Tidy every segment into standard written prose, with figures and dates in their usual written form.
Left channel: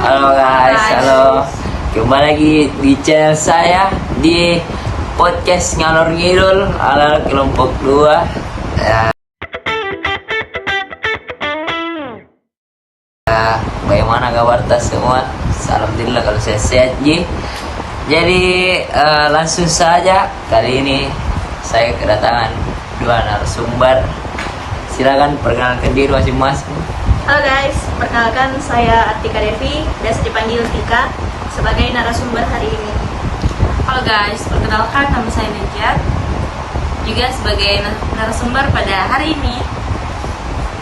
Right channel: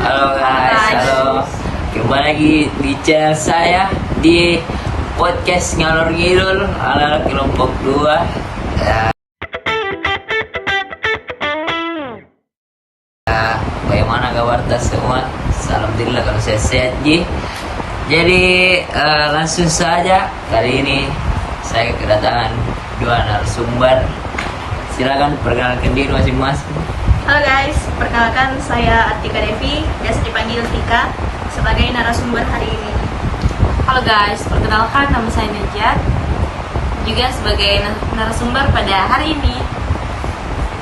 Halo guys, halo. Kembali lagi di channel saya di podcast Ngalor Ngidul ala kelompok 2. Bagaimana kabar tas semua? Alhamdulillah kalau saya sehat ji. Jadi langsung saja kali ini saya kedatangan dua narasumber. Silakan perkenalkan diri masing-masing. Halo guys, perkenalkan saya Artika Devi, biasa dipanggil Tika, sebagai narasumber hari ini. Halo guys, perkenalkan nama saya Najat, juga sebagai narasumber pada hari ini.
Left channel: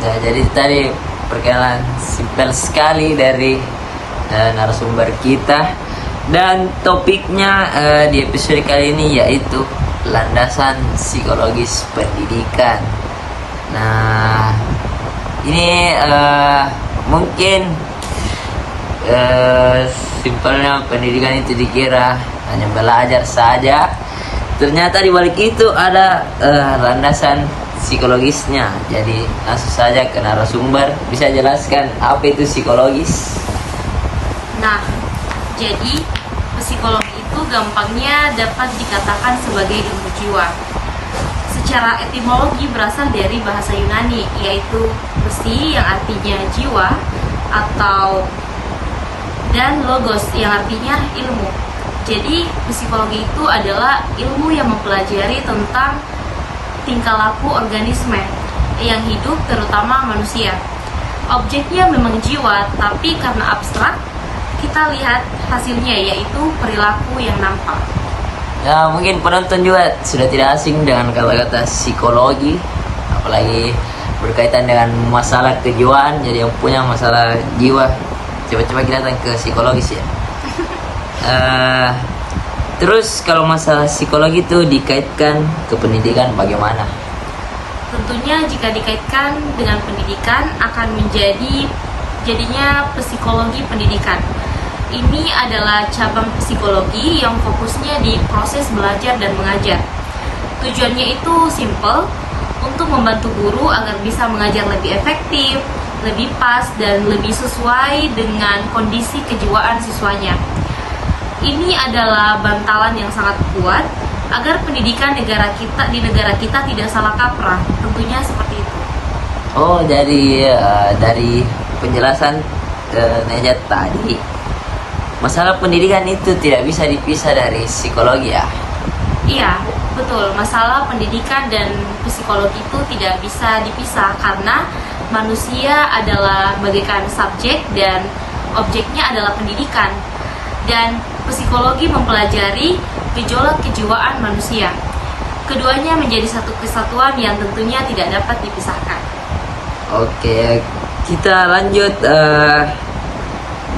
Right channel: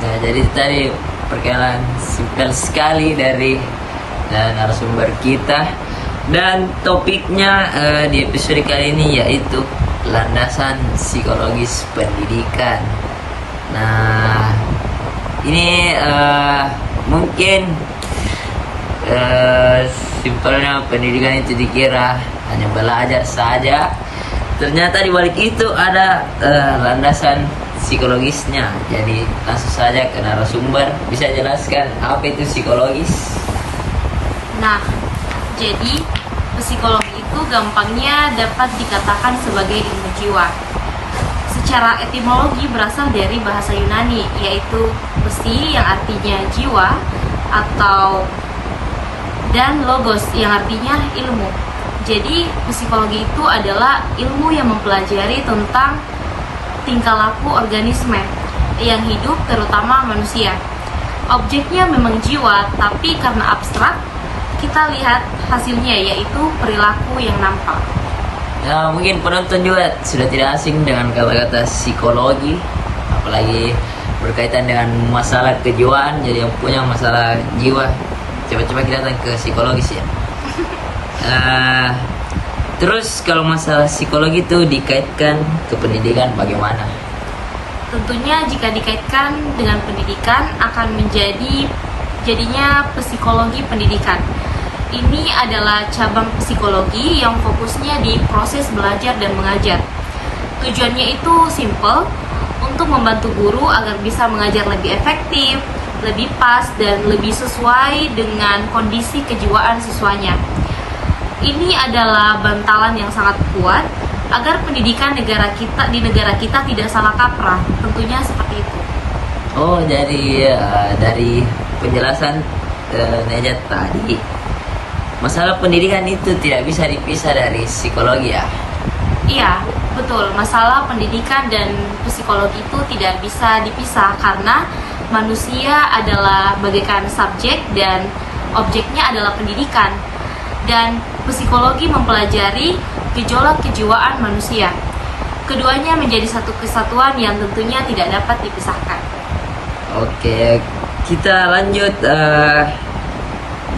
Ya, jadi tadi perkenalan simpel sekali dari narasumber kita, dan topiknya di episode kali ini yaitu landasan psikologis pendidikan. Nah, ini mungkin simpelnya pendidikan itu dikira hanya belajar saja. Ternyata di balik itu ada landasan psikologisnya. Jadi langsung saja ke narasumber, bisa jelaskan apa itu psikologis? Nah, jadi psikologi itu gampangnya dapat dikatakan sebagai ilmu jiwa. Secara etimologi berasal dari bahasa Yunani, yaitu psi yang artinya jiwa dan logos yang artinya ilmu. Jadi psikologi itu adalah ilmu yang mempelajari tentang tingkah laku organisme yang hidup, terutama manusia. Objeknya memang jiwa, tapi karena abstrak, kita lihat hasilnya yaitu perilaku yang nampak. Ya, mungkin penonton juga sudah tidak asing dengan kata-kata psikologi, apalagi berkaitan dengan masalah kejiwaan. Jadi yang punya masalah jiwa coba-coba kelihatan ke psikologis ya. Terus kalau masalah psikologi itu dikaitkan ke pendidikan bagaimana? Tentunya jika dikaitkan dengan pendidikan akan jadinya psikologi pendidikan. Ini adalah cabang psikologi yang fokusnya di proses belajar dan mengajar. Tujuannya itu simple, untuk membantu guru agar bisa mengajar lebih efektif, lebih pas, dan lebih sesuai dengan kondisi kejiwaan siswanya. Ini adalah bantalan yang sangat kuat agar pendidikan di negara kita tidak salah kaprah. Tentunya seperti itu. Oh, dari penjelasan Najat tadi, masalah pendidikan itu tidak bisa dipisah dari psikologi ya? Iya, betul. Masalah pendidikan dan psikologi itu tidak bisa dipisah karena manusia adalah bagaikan subjek dan objeknya adalah pendidikan. Dan psikologi mempelajari gejolak kejiwaan manusia. Keduanya menjadi satu kesatuan yang tentunya tidak dapat dipisahkan. Oke, kita lanjut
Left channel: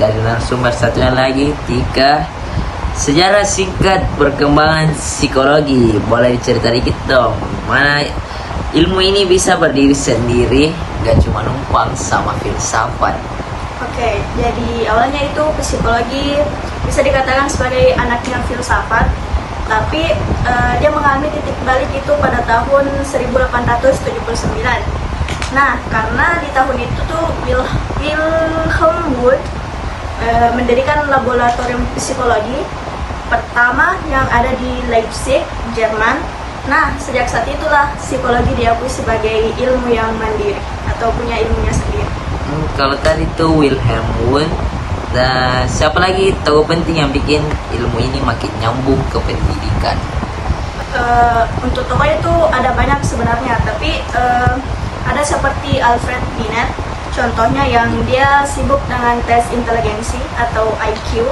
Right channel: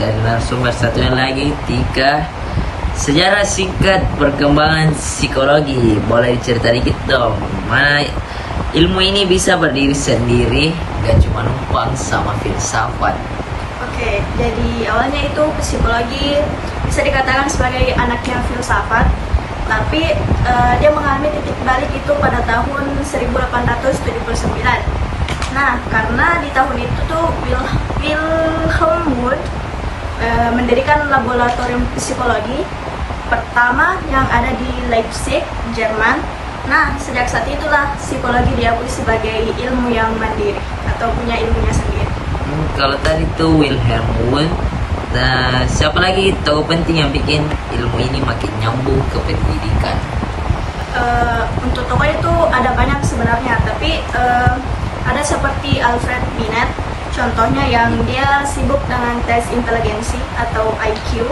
dari narasumber satunya lagi, Tika. Sejarah singkat perkembangan psikologi, boleh diceritain dikit dong. Mana ilmu ini bisa berdiri sendiri, gak cuma numpang sama filsafat. Oke, jadi awalnya itu psikologi bisa dikatakan sebagai anaknya filsafat, tapi dia mengalami titik balik itu pada tahun 1879. Nah, karena di tahun itu tuh Wilhelm Wundt mendirikan laboratorium psikologi pertama yang ada di Leipzig, Jerman. Nah, sejak saat itulah psikologi diakui sebagai ilmu yang mandiri atau punya ilmunya sendiri. Kalau tadi tuh Wilhelm Wundt, nah, siapa lagi tokoh penting yang bikin ilmu ini makin nyambung ke pendidikan? Untuk tokoh itu ada banyak sebenarnya, tapi ada seperti Alfred Binet, contohnya yang dia sibuk dengan tes inteligensi atau IQ.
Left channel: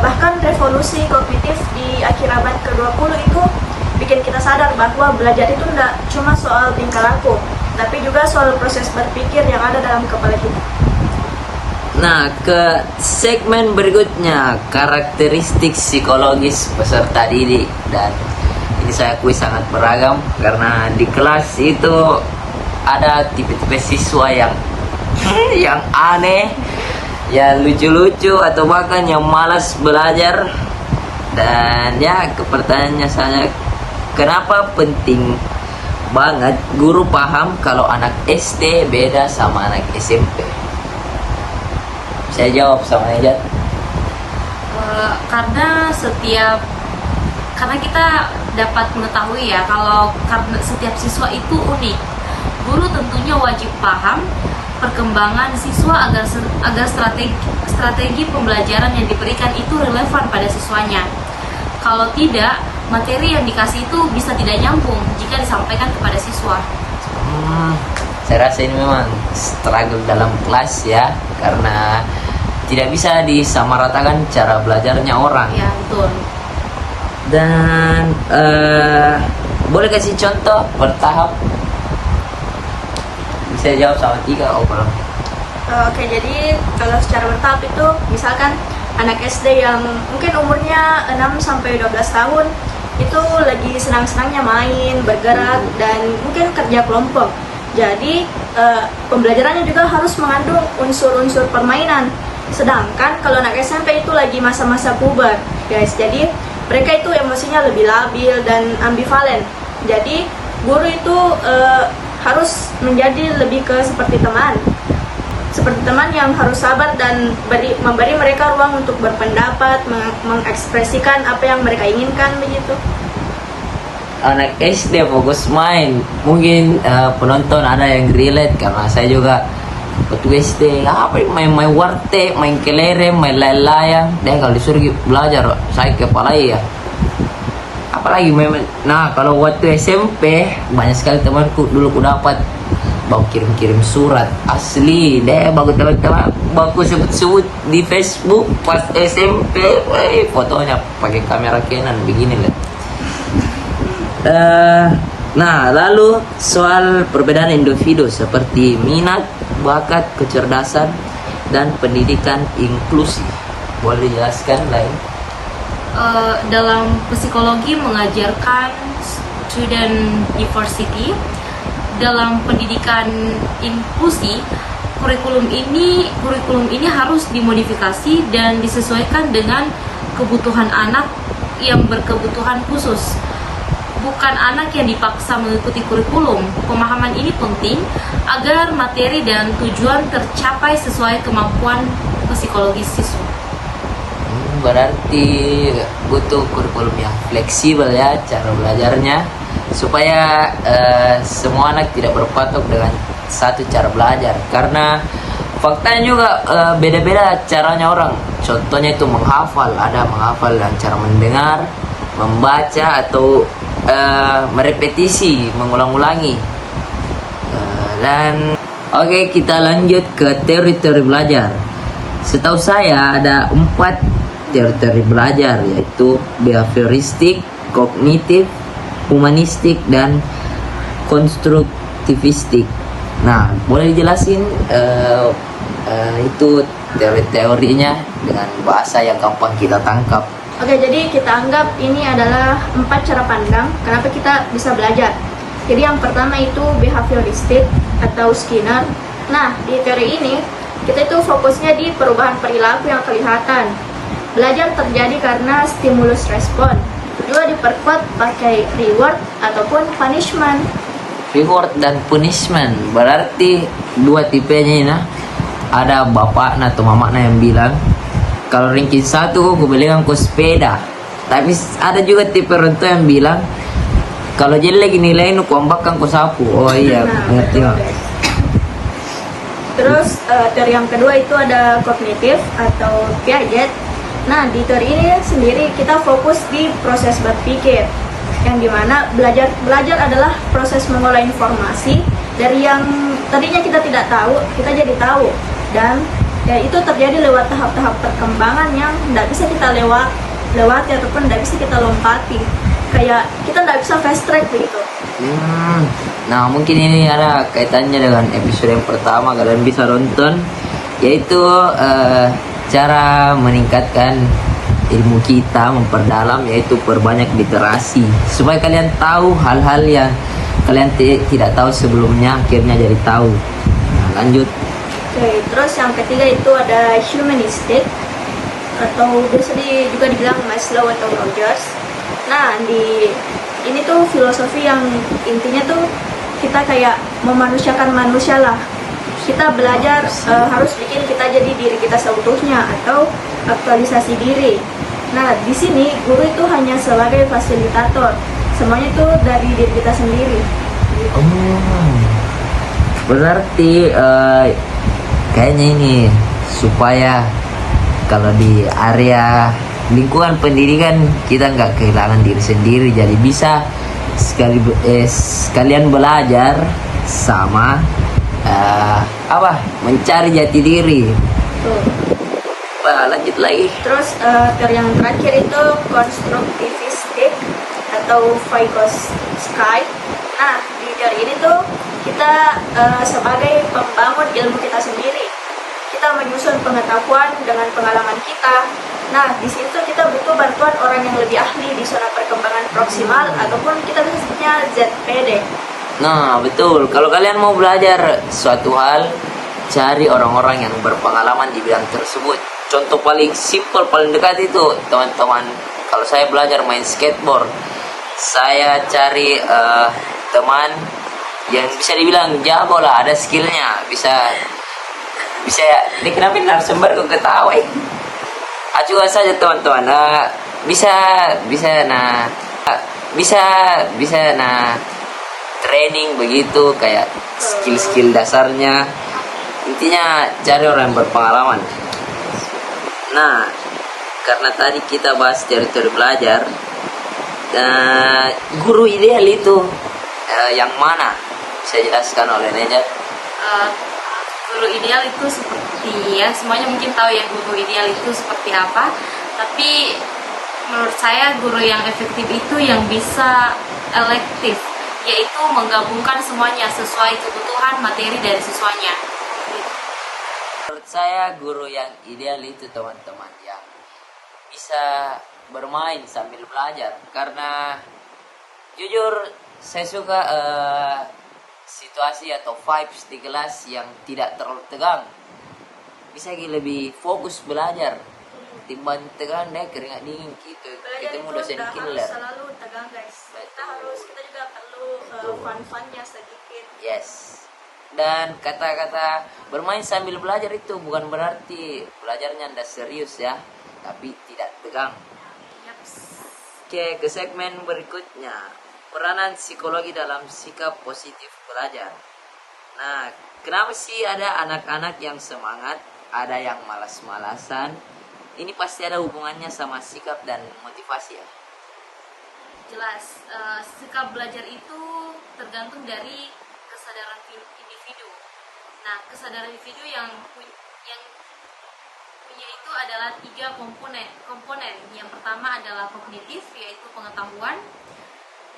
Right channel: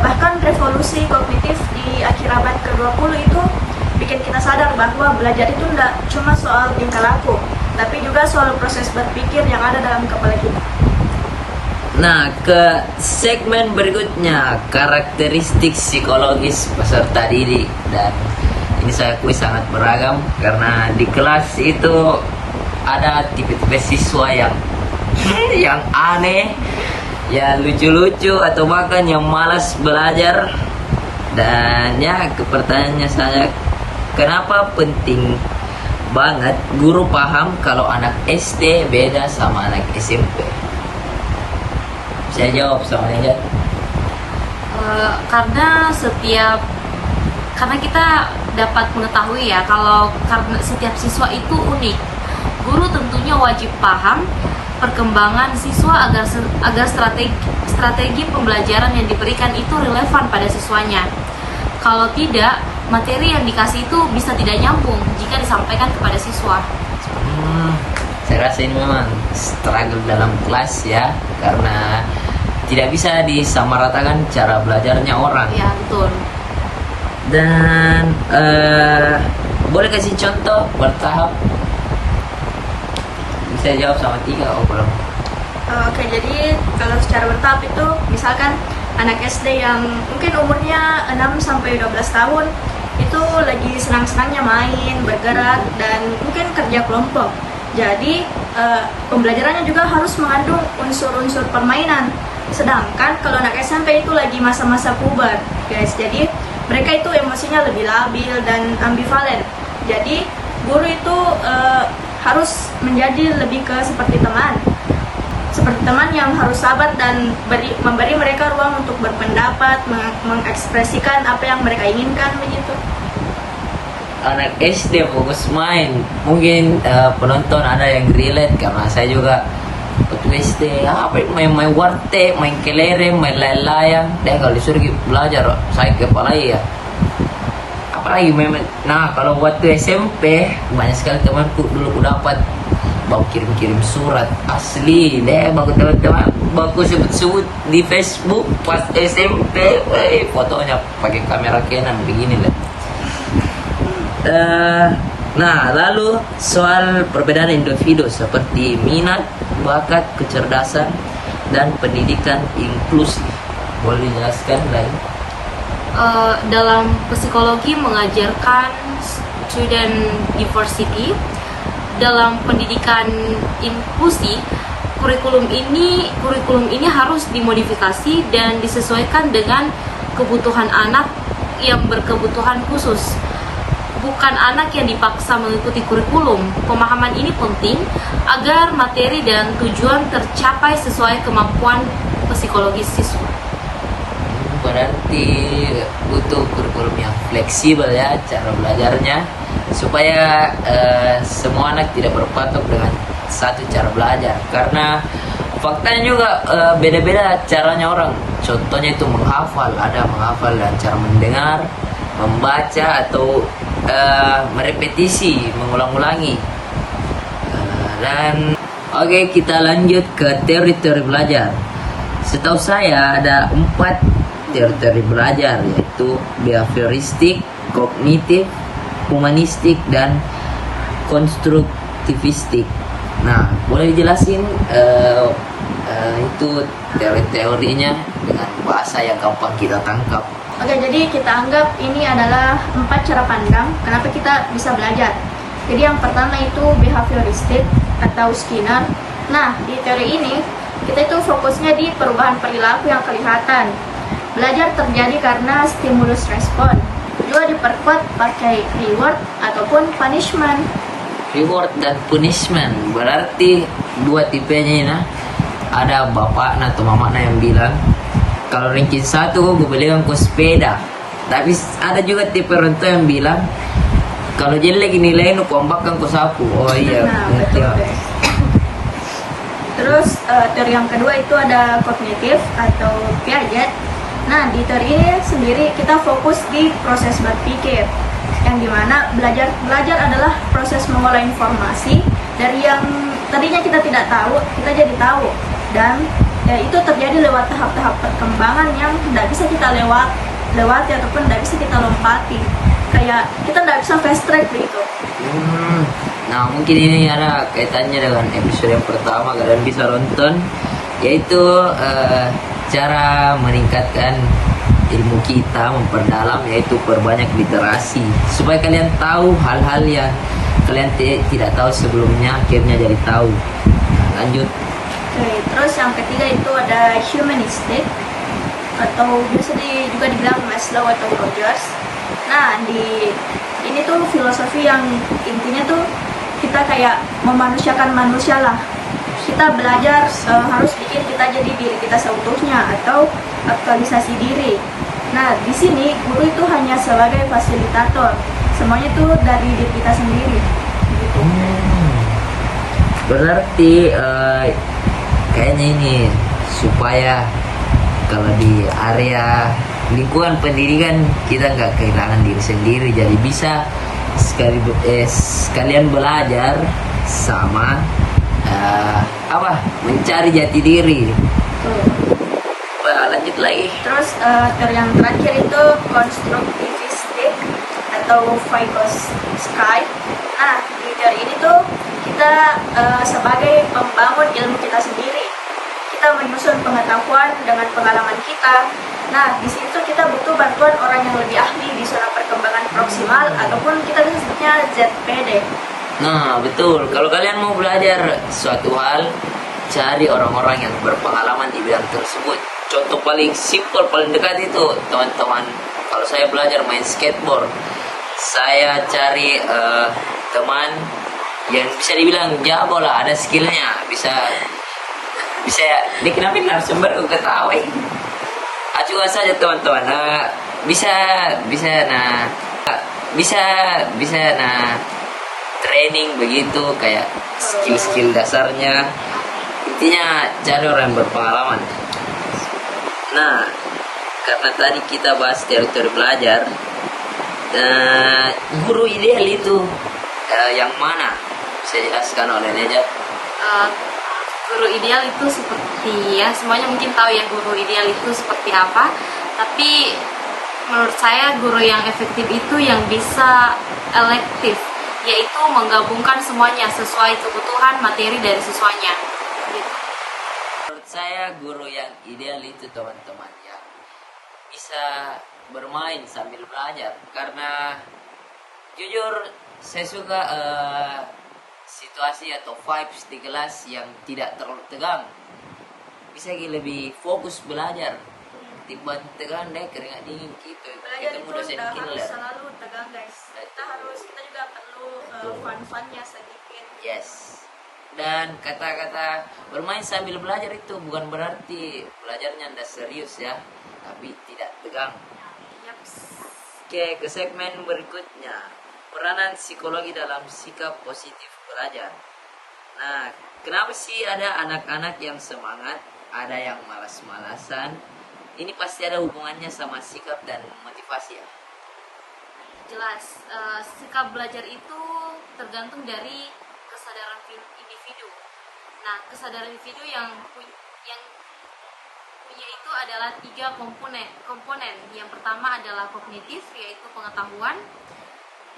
Bahkan revolusi kognitif di akhir abad ke-20 itu bikin kita sadar bahwa belajar itu tidak cuma soal tingkah laku, tapi juga soal proses berpikir yang ada dalam kepala kita. Nah, ke segmen berikutnya, karakteristik psikologis peserta didik. Dan ini saya akui sangat beragam, karena di kelas itu ada tipe-tipe siswa yang aneh, yang lucu-lucu, atau bahkan yang malas belajar. Dan ya, pertanyaannya saya, kenapa penting banget guru paham kalau anak SD beda sama anak SMP? Saya jawab sama Ejat. Karena kita dapat mengetahui ya kalau karena setiap siswa itu unik, guru tentunya wajib paham perkembangan siswa agar strategi pembelajaran yang diberikan itu relevan pada siswanya. Kalau tidak, materi yang dikasih itu bisa tidak nyambung jika disampaikan kepada siswa. Saya rasa ini memang struggle dalam kelas ya, karena tidak bisa disamaratakan cara belajarnya orang. Ya, betul. Dan boleh kasih contoh bertahap? Bisa jawab sama 3 belum? Oke, jadi kalau secara bertahap itu misalkan anak SD yang mungkin umurnya 6 sampai 12 tahun itu lagi senang-senangnya main, bergerak, dan mungkin kerja kelompok. Jadi pembelajarannya juga harus mengandung unsur-unsur permainan. Sedangkan kalau anak SMP itu lagi masa-masa puber, guys. Jadi mereka itu emosinya lebih labil dan ambivalen. Jadi guru itu harus menjadi lebih ke seperti teman yang harus sabar dan memberi mereka ruang untuk berpendapat, mengekspresikan apa yang mereka inginkan begitu. Anak SD fokus main, mungkin penonton ada yang relate karena saya juga waktu SD main warteg, main kelereng, main layang-layang. Dan kalau disuruh belajar saya kepala ya. Apalagi nah kalau waktu SMP banyak sekali temanku dulu aku dapat bawa kirim surat asli deh, bagus teman-teman, bagus sebut di Facebook pas SMP, fotonya pakai kamera Canon begini lah. Nah, lalu soal perbedaan individu seperti minat, bakat, kecerdasan, dan pendidikan inklusif. Boleh dijelaskan, Lain? Dalam psikologi mengajarkan student diversity. Dalam pendidikan inklusi, kurikulum ini harus dimodifikasi dan disesuaikan dengan kebutuhan anak yang berkebutuhan khusus, bukan anak yang dipaksa mengikuti kurikulum. Pemahaman ini penting agar materi dan tujuan tercapai sesuai kemampuan psikologis siswa. Berarti butuh kurikulum yang fleksibel ya cara belajarnya, supaya semua anak tidak berpatok dengan satu cara belajar, karena faktanya juga beda-beda caranya orang. Contohnya itu menghafal, ada menghafal dan cara mendengar, membaca, atau merepetisi, mengulang-ulangi. Dan oke, kita lanjut ke teori-teori belajar. Setahu saya ada 4 teori belajar, yaitu behavioristik, kognitif, humanistik, dan konstruktivistik. Nah, boleh dijelasin itu teori-teorinya dengan bahasa yang gampang kita tangkap. Oke, jadi kita anggap ini adalah 4 cara pandang kenapa kita bisa belajar. Jadi yang pertama itu behavioristik atau Skinner. Nah, di teori ini kita itu fokusnya di perubahan perilaku yang kelihatan. Belajar terjadi karena stimulus respon. Juga diperkuat pakai reward ataupun punishment. Reward dan punishment berarti 2 tipenya. Nah, ada bapaknya atau mamanya yang bilang kalau ranking 1 gue belikan kau sepeda. Tapi ada juga tipe orang tua yang bilang kalau jelek nilai nu kuambakkan kau sapu. Oh iya, nah, betul. Terus teori yang kedua itu ada kognitif atau Piaget. Nah, di teori ini sendiri kita fokus di proses berpikir, yang dimana belajar adalah proses mengolah informasi dari yang tadinya kita tidak tahu, kita jadi tahu, dan itu terjadi lewat tahap-tahap perkembangan yang tidak bisa kita lewati ataupun tidak bisa kita lompati, kayak kita tidak bisa fast track begitu. Nah, mungkin ini ada kaitannya dengan episode pertama kalian bisa nonton, yaitu cara meningkatkan ilmu kita, memperdalam, yaitu perbanyak literasi supaya kalian tahu hal-hal yang kalian tidak tahu sebelumnya, akhirnya jadi tahu. Nah, lanjut. Oke, terus yang ketiga itu ada humanistic atau biasa juga dibilang Maslow atau Rogers. Nah, ini tuh filosofi yang intinya tuh kita kayak memanusiakan manusia lah. kita belajar harus bikin kita jadi diri kita seutuhnya atau aktualisasi diri. Nah, di sini guru itu hanya sebagai fasilitator. Semuanya itu dari diri kita sendiri. Berarti kayaknya ini supaya kalau di area lingkungan pendidikan kita nggak kehilangan diri sendiri, jadi bisa sekalian belajar sama mencari jati diri. Lanjut lagi. Terus yang terakhir itu konstruktivistik atau Vygotsky. Nah, dari ini tuh kita sebagai pembangun ilmu kita sendiri, kita menyusun pengetahuan dengan pengalaman kita. Nah, di situ kita butuh bantuan orang yang lebih ahli di zona perkembangan proksimal ataupun kita bisa sebutnya ZPD. Nah, betul. Kalau kalian mau belajar suatu hal, cari orang-orang yang berpengalaman di bidang tersebut. Contoh paling simpel, paling dekat itu, teman-teman. Kalau saya belajar main skateboard, saya cari teman yang bisa dibilang jago lah, ada skillnya, bisa dikenalin narasumber untuk ketawa. Acuan saja teman-teman, bisa training begitu kayak skill dasarnya. Intinya cari orang yang berpengalaman. Nah, karena tadi kita bahas teori belajar, guru ideal itu yang mana? Bisa jelaskan oleh Neja? Guru ideal itu seperti, ya semuanya mungkin tahu ya guru ideal itu seperti apa, tapi menurut saya guru yang efektif itu yang bisa elektif, yaitu menggabungkan semuanya sesuai kebutuhan materi dari siswanya. Menurut saya guru yang ideal itu teman-teman ya bisa bermain sambil belajar, karena jujur saya suka situasi atau vibes di kelas yang tidak terlalu tegang. Bisa lebih fokus belajar timbang tegang deh, keringat dingin gitu. Belajar Ketemu itu dosen tidak harus killer. selalu tegang guys. Kita juga perlu fun-funnya sedikit. Yes. Dan kata-kata bermain sambil belajar itu bukan berarti belajarnya tidak serius ya, tapi tidak tegang. Yaps. Oke, ke segmen berikutnya, peranan psikologi dalam sikap positif belajar. Nah, kenapa sih ada anak-anak yang semangat, ada yang malas-malasan? Ini pasti ada hubungannya sama sikap dan motivasi ya. Jelas, sikap belajar itu tergantung dari kesadaran individu. Nah, kesadaran individu yang punya itu adalah 3 komponen. Yang pertama adalah kognitif, yaitu pengetahuan.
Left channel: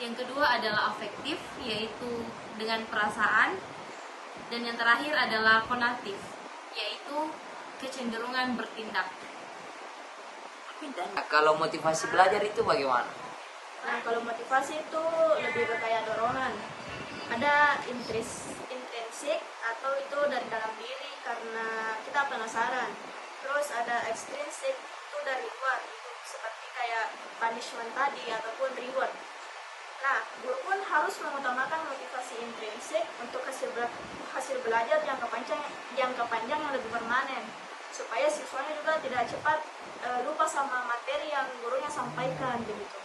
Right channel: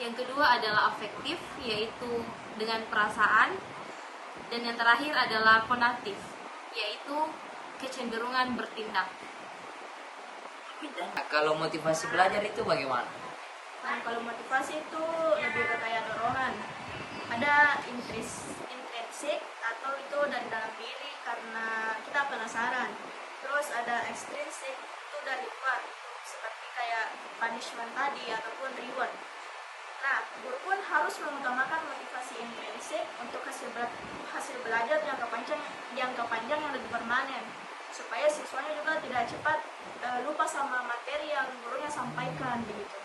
Yang kedua adalah afektif, yaitu dengan perasaan. Dan yang terakhir adalah konatif, yaitu kecenderungan bertindak. Nah, kalau motivasi belajar itu bagaimana? Nah, kalau motivasi itu lebih ke kayak dorongan. Ada intrinsik atau itu dari dalam diri karena kita penasaran. Terus ada ekstrinsik itu dari luar, itu seperti kayak punishment tadi ataupun reward. Nah, guru pun harus mengutamakan motivasi intrinsik untuk hasil belajar jangka panjang yang lebih permanen, supaya siswanya juga tidak cepat lupa sama materi yang gurunya sampaikan begitu.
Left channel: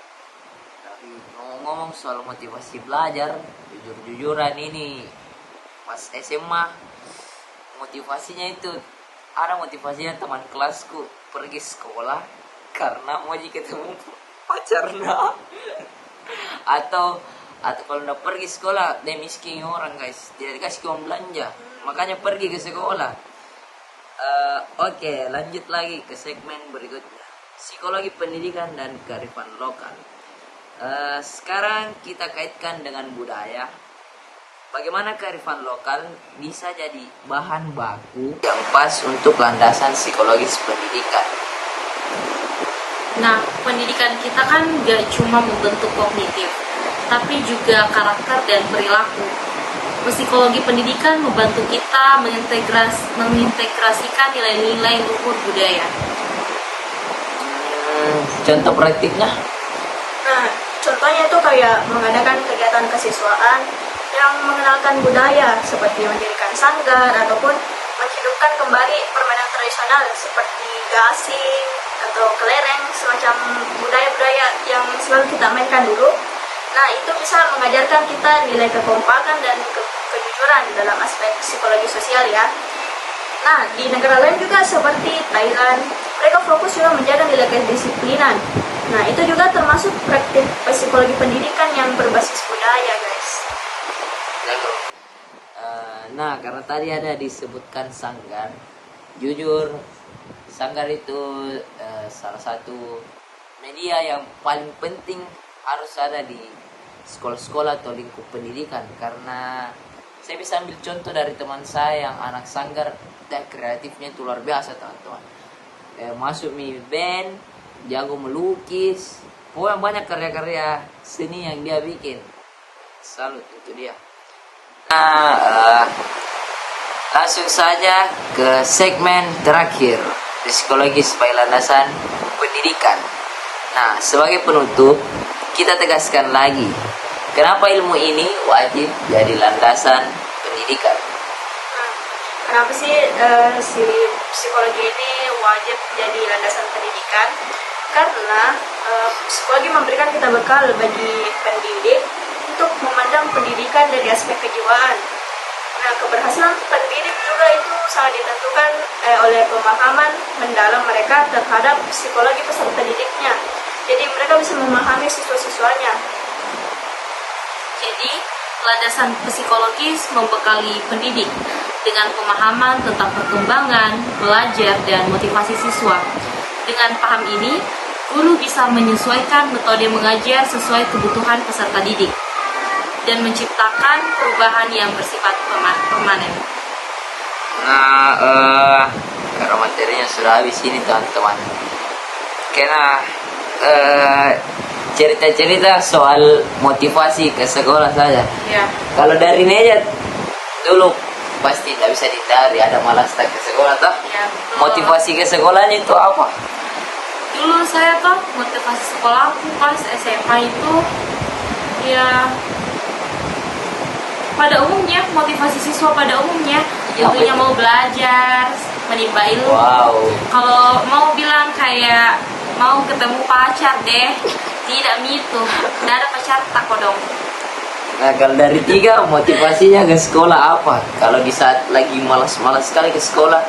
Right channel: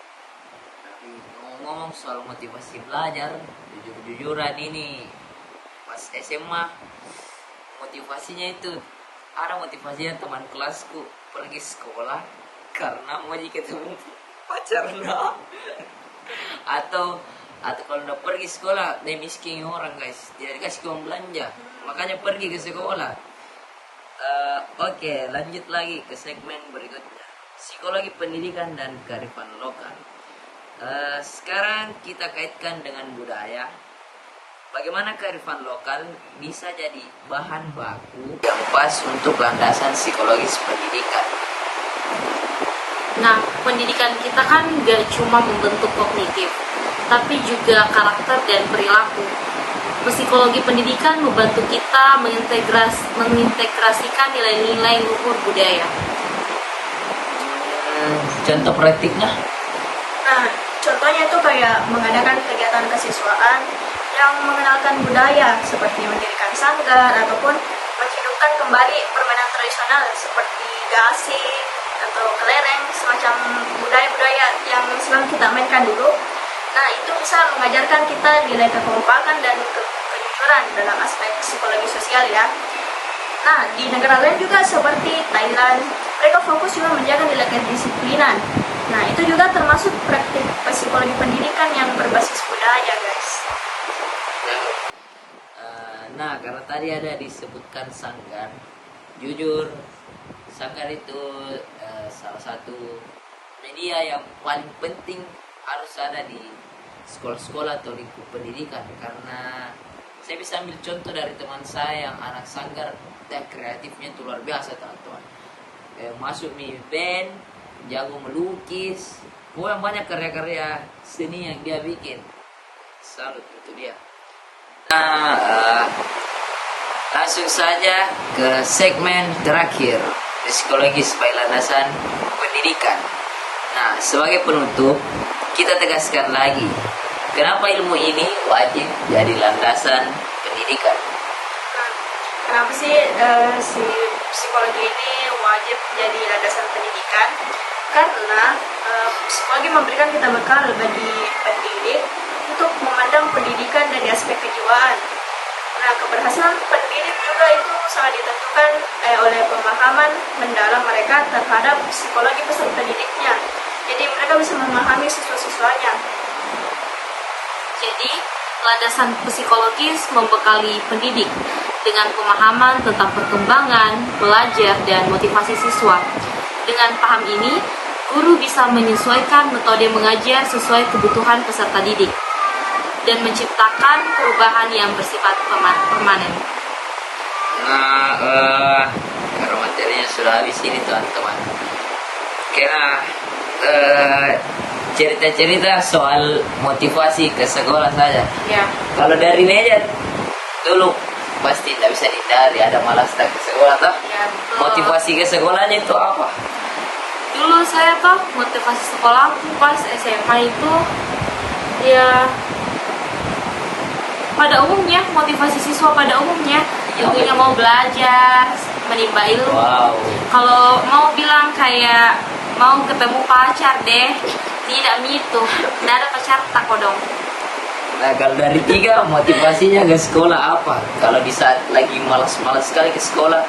Ngomong soal motivasi belajar, jujur-jujuran ini pas SMA motivasinya itu ada motivasinya teman kelasku pergi sekolah karena mau ketemu pacarnya atau kalau udah pergi sekolah dia miskin orang guys, dia dikasih uang belanja makanya pergi ke sekolah. Oke, lanjut lagi ke segmen berikutnya, psikologi pendidikan dan kearifan lokal. Sekarang kita kaitkan dengan budaya. Bagaimana kearifan lokal bisa jadi bahan baku yang pas untuk landasan psikologis pendidikan? Nah, pendidikan kita kan gak cuma membentuk kognitif, tapi juga karakter dan perilaku. Psikologi pendidikan membantu kita mengintegrasikan nilai-nilai luhur budaya. Contoh praktiknya? Nah, contohnya itu kayak mengadakan kegiatan kesiswaan yang mengenalkan budaya seperti mendirikan sanggar ataupun menghidupkan kembali permainan tradisional seperti gasing atau kelereng, semacam budaya-budaya yang selalu kita mainkan dulu. Nah, itu bisa mengajarkan kita nilai kekompakan dan kejujuran dalam aspek psikologi sosial ya. Nah, di negara lain juga seperti Thailand, mereka fokus juga menjaga nilai kedisiplinan. Nah, itu juga termasuk praktik psikologi pendidikan yang berbasis budaya, guys. Nah, karena tadi ada disebutkan sanggar, jujur sanggar itu salah satu media yang paling penting harus ada di sekolah-sekolah atau lingkup pendidikan, karena saya bisa ambil contoh dari teman saya yang anak sanggar, kreatifnya itu luar biasa teman-teman. Masuk mini band, jago melukis, yang banyak karya-karya seni yang dia bikin. Salut, itu dia. Nah, langsung saja ke segmen terakhir, psikologi sebagai landasan pendidikan. Nah, sebagai penutup, kita tegaskan lagi, kenapa ilmu ini wajib jadi landasan pendidikan? Kenapa sih si psikologi ini wajib jadi landasan pendidikan? Karena psikologi memberikan kita bekal bagi pendidik untuk memandang pendidikan dari aspek kejiwaan. Nah, keberhasilan pendidik juga itu sangat ditentukan oleh pemahaman mendalam mereka terhadap psikologi peserta didiknya. Jadi mereka bisa memahami siswa-siswanya. Jadi, landasan psikologis membekali pendidik dengan pemahaman tentang perkembangan, belajar, dan motivasi siswa. Dengan paham ini, guru bisa menyesuaikan metode mengajar sesuai kebutuhan peserta didik dan menciptakan perubahan yang bersifat permanen. Nah, karena materinya sudah habis ini teman-teman, karena cerita-cerita soal motivasi ke sekolah saja. Ya. Kalau dari meja dulu pasti tidak bisa dicari, ada malas tak ke sekolah toh. Ya. Motivasi ke sekolahnya itu apa? Dulu saya tuh motivasi sekolah pas SMA itu ya pada umumnya, motivasi siswa pada umumnya intinya mau belajar, menimba ilmu. Wow. Kalau mau bilang kayak mau ketemu pacar deh, tidak gitu. Tidak ada pacar tak kodong. Nah, kalau dari tiga motivasinya ke sekolah apa? Kalau di saat lagi malas-malas sekali ke sekolah.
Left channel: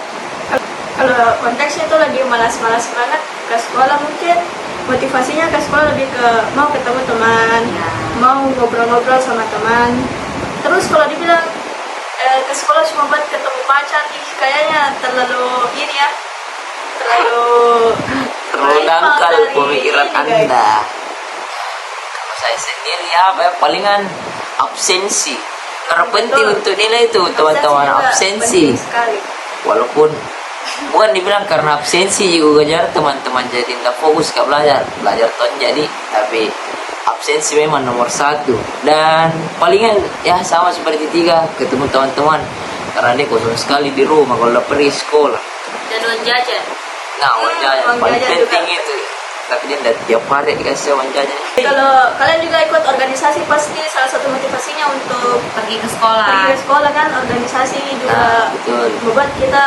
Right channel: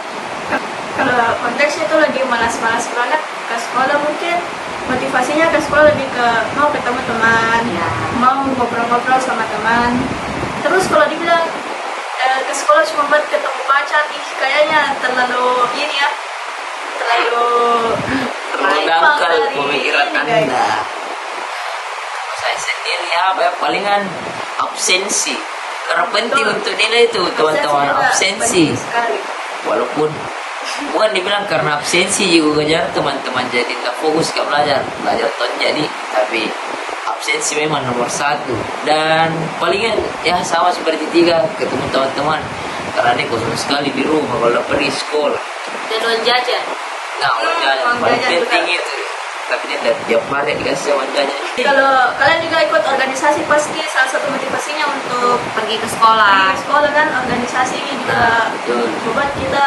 Kalau konteksnya itu lagi malas-malas banget ke sekolah, mungkin motivasinya ke sekolah lebih ke mau ketemu teman, mau ngobrol-ngobrol sama teman. Terus kalau dibilang ke sekolah cuma buat ketemu pacar, ini kayaknya terlalu ini ya, terlalu Dangkal dari pemikiran ini, guys. Anda. Saya sendiri palingan absensi. Karena penting Betul. untuk nilai itu teman-teman, juga absensi. penting sekali. Walaupun bukan dibilang karena absensi juga kejar teman-teman jadi nggak fokus ke belajar tuh jadi, tapi absensi memang nomor satu. Dan palingan ya sama seperti tiga, ketemu teman-teman karena dia kosong sekali di rumah kalau pergi sekolah. Dan uang jajan. Nah, uang paling jajan juga. penting itu. Tapi dia dari tiap hari biasa wanjanya. Kalau kalian juga ikut organisasi, pasti salah satu motivasinya untuk Pergi ke sekolah. pergi ke sekolah kan. Organisasi ini juga betul. membuat kita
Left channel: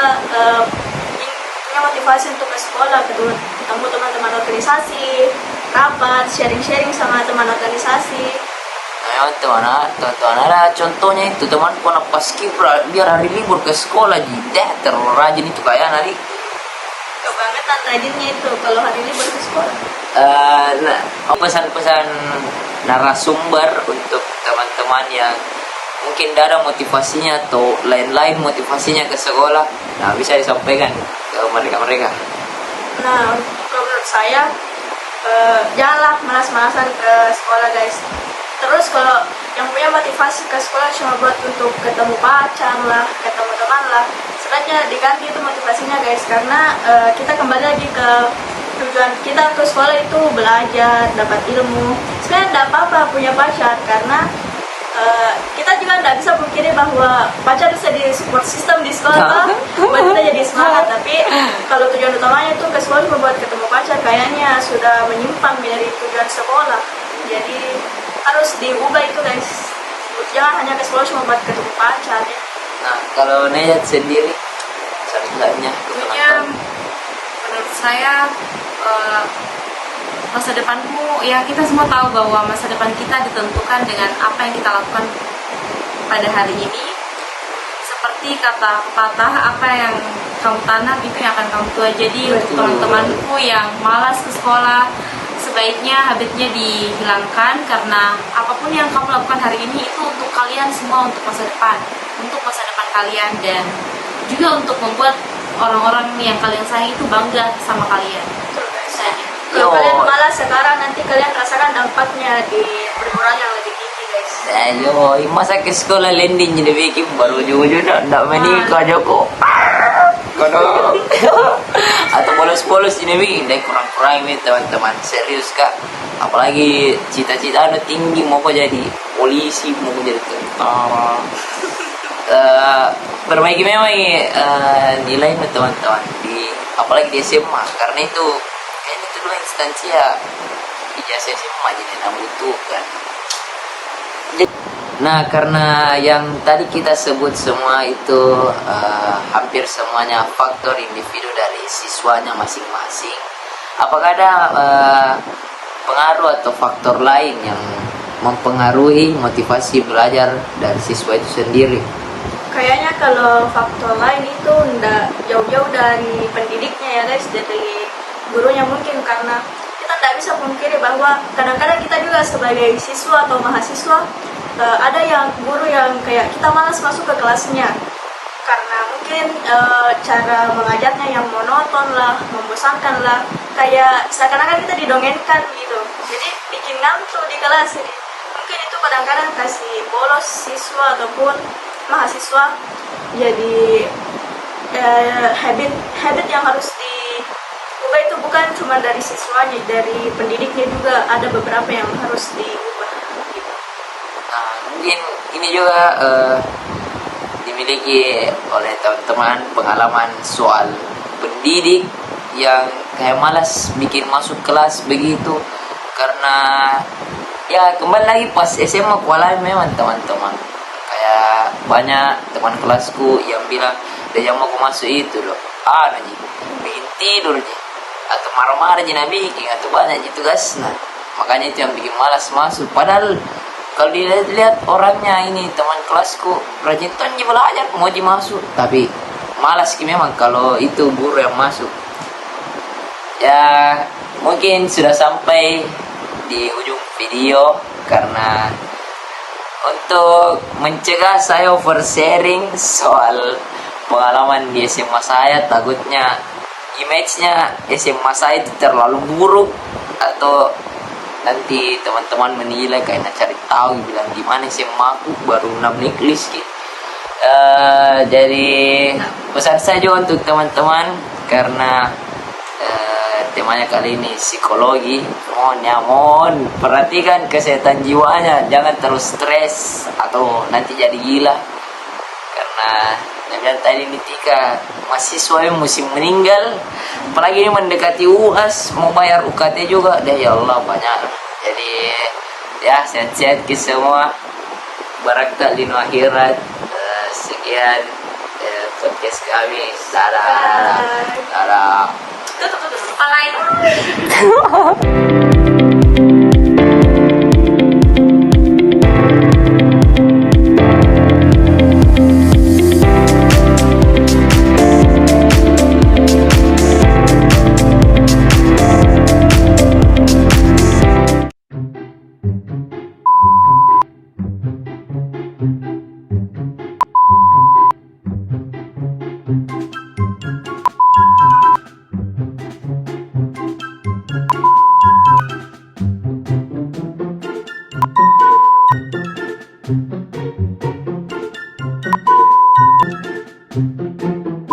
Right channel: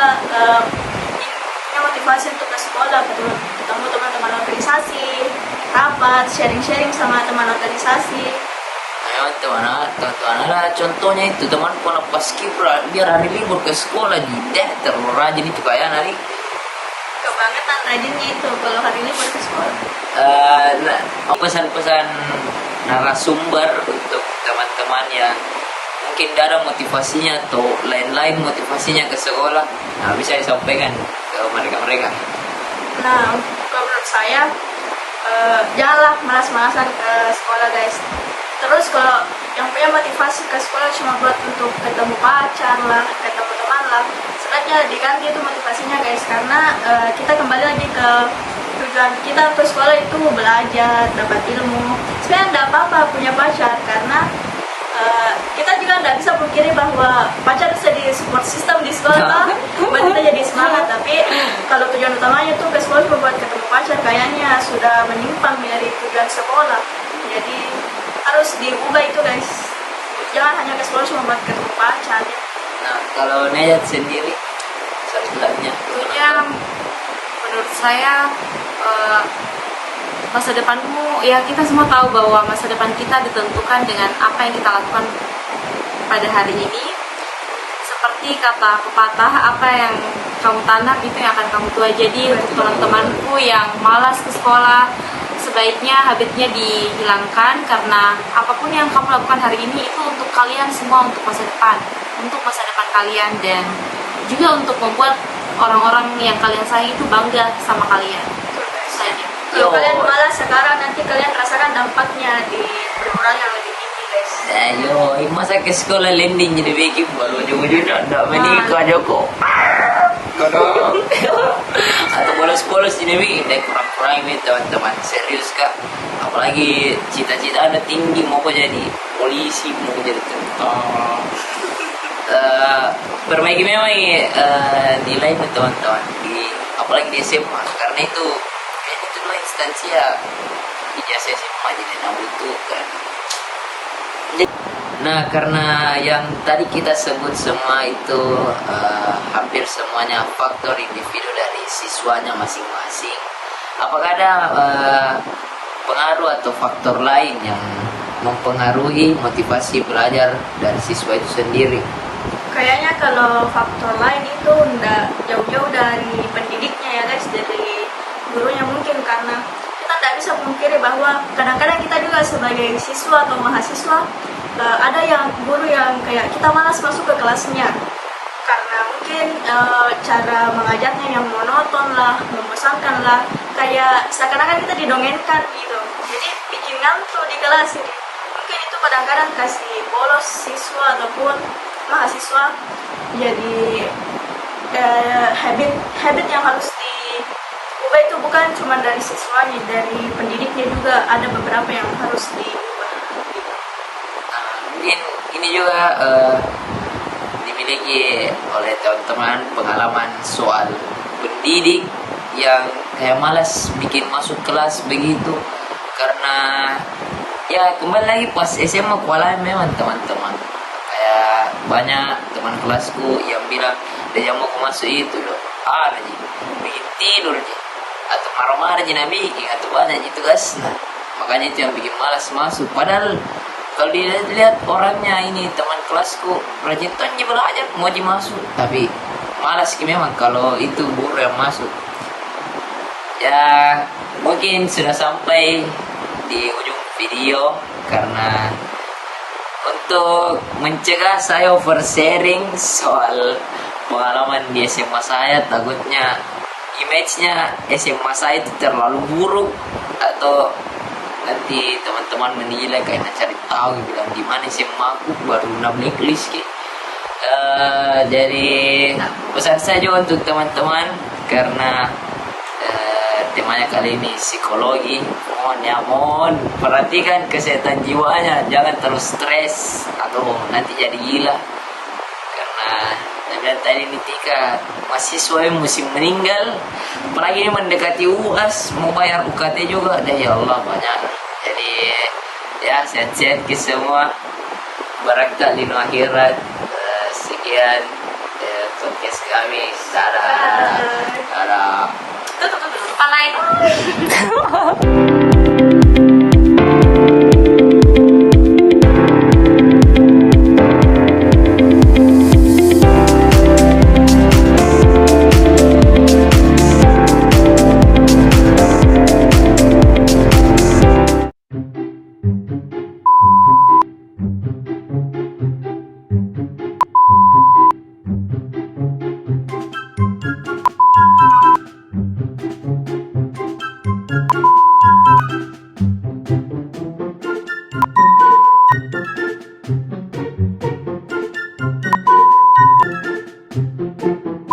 punya motivasi untuk ke sekolah, ketemu teman-teman organisasi, rapat, sharing-sharing sama teman organisasi. Ayo teman-teman ada contohnya itu teman pernah pas kibra biar hari libur ke sekolah gitu, terlalu rajin itu kayak hari. Kebangetan rajinnya itu kalau hari ini ke sekolah. Nah, pesan-pesan narasumber untuk teman-teman yang mungkin tidak ada motivasinya atau lain-lain motivasinya ke sekolah, nah bisa disampaikan ke mereka-mereka. Nah, kalau menurut saya janganlah malas-malasan ke sekolah, guys. Terus kalau yang punya motivasi ke sekolah cuma buat untuk ketemu pacar lah, ketemu teman lah, sebaiknya diganti itu motivasinya, guys. Karena kita kembali lagi ke tujuan kita ke sekolah itu belajar, dapat ilmu. Sebenarnya tidak apa-apa punya pacar, karena kita juga tidak bisa pungkiri bahwa pacar bisa di support system di sekolah, buat kita jadi semangat. Tapi kalau tujuan utamanya itu ke sekolah cuma buat ketemu pacar, kayaknya sudah menyimpang dari tujuan sekolah. Jadi harus diubah itu, guys. jangan hanya ke sekolah cuma buat ketemu pacar ya. Nah, kalau Nayat sendiri ceritanya Tentunya menurut saya masa depanku, ya kita semua tahu bahwa masa depan kita ditentukan dengan apa yang kita lakukan pada hari ini. Seperti kata pepatah, apa yang kamu tanam itu yang akan kamu tuai. Jadi untuk teman-temanku yang malas ke sekolah, sebaiknya habitnya dihilangkan, karena apapun yang kamu lakukan hari ini itu untuk kalian semua, untuk masa depan kalian, dan juga untuk membuat orang-orang yang kalian sayang itu bangga sama kalian. Saja. Kalau kalian malas sekarang, nanti kalian rasakan dampaknya di perguruan yang lebih tinggi, guys. ayo masa ke sekolah landing jadi bikin baru ujung-ujung nak menikah Joko. Atau bolos-bolos ini bikin deh, kurang-kurang ini teman-teman, serius kak. Apalagi cita-cita anda tinggi, mau jadi polisi, mau jadi tentara. Perbaiki memang ini nilai teman-teman di apalagi di SMA, karena itu instansi ya ijazah SMA jadi nama itu. Nah, karena yang tadi kita sebut semua itu hampir semuanya faktor individu dari siswanya masing-masing. Apakah ada pengaruh atau faktor lain yang mempengaruhi motivasi belajar dari siswa itu sendiri? Kayaknya kalau faktor lain itu ndak jauh-jauh dari pendidiknya ya guys, dari gurunya mungkin, karena kita tidak bisa memungkiri bahwa kadang-kadang kita juga sebagai siswa atau mahasiswa ada yang guru yang kayak kita malas masuk ke kelasnya karena mungkin cara mengajarnya yang monoton lah, membosankan lah, kayak seakan-akan kita didongengkan gitu, jadi bikin ngantuk di kelas ini. Mungkin itu kadang-kadang kasih bolos siswa ataupun mahasiswa, jadi habit yang harus diubah itu bukan cuma dari siswanya, dari pendidiknya juga ada beberapa yang harus diubah gitu. Nah, mungkin ini juga dimiliki oleh teman-teman pengalaman soal pendidik yang kayak malas bikin masuk kelas begitu, karena ya kembali lagi pas SMA kualai memang teman-teman kayak banyak teman kelasku yang bilang dia mau aku masuk itu loh, bikin tidur atau marah-marah jadi bikin atau banyak gitu guys. Nah, makanya itu yang bikin malas masuk. Padahal kalau dilihat orangnya ini teman kelasku rajin tuh belajar mau masuk, tapi malas memang kalau itu guru yang masuk. Ya mungkin sudah sampai di ujung video, karena untuk mencegah saya oversharing soal pengalaman di SMA saya, takutnya image-nya SMA saya itu terlalu buruk atau nanti teman-teman menilai kayak cari tahu bilang gimana SMA aku baru blacklist gitu. Jadi pesan saja untuk teman-teman, karena temanya kali ini psikologi, mohon perhatikan kesehatan jiwanya, jangan terlalu stres atau nanti jadi gila, karena dan tadi ketika mahasiswa yang musim meninggal, apalagi ini mendekati UAS, mau bayar UKT juga, ya Allah banyak. Jadi ya sehat-sehat ke semua, barakah lima akhirat. Sekian podcast kami, salam. Tutup. Alay.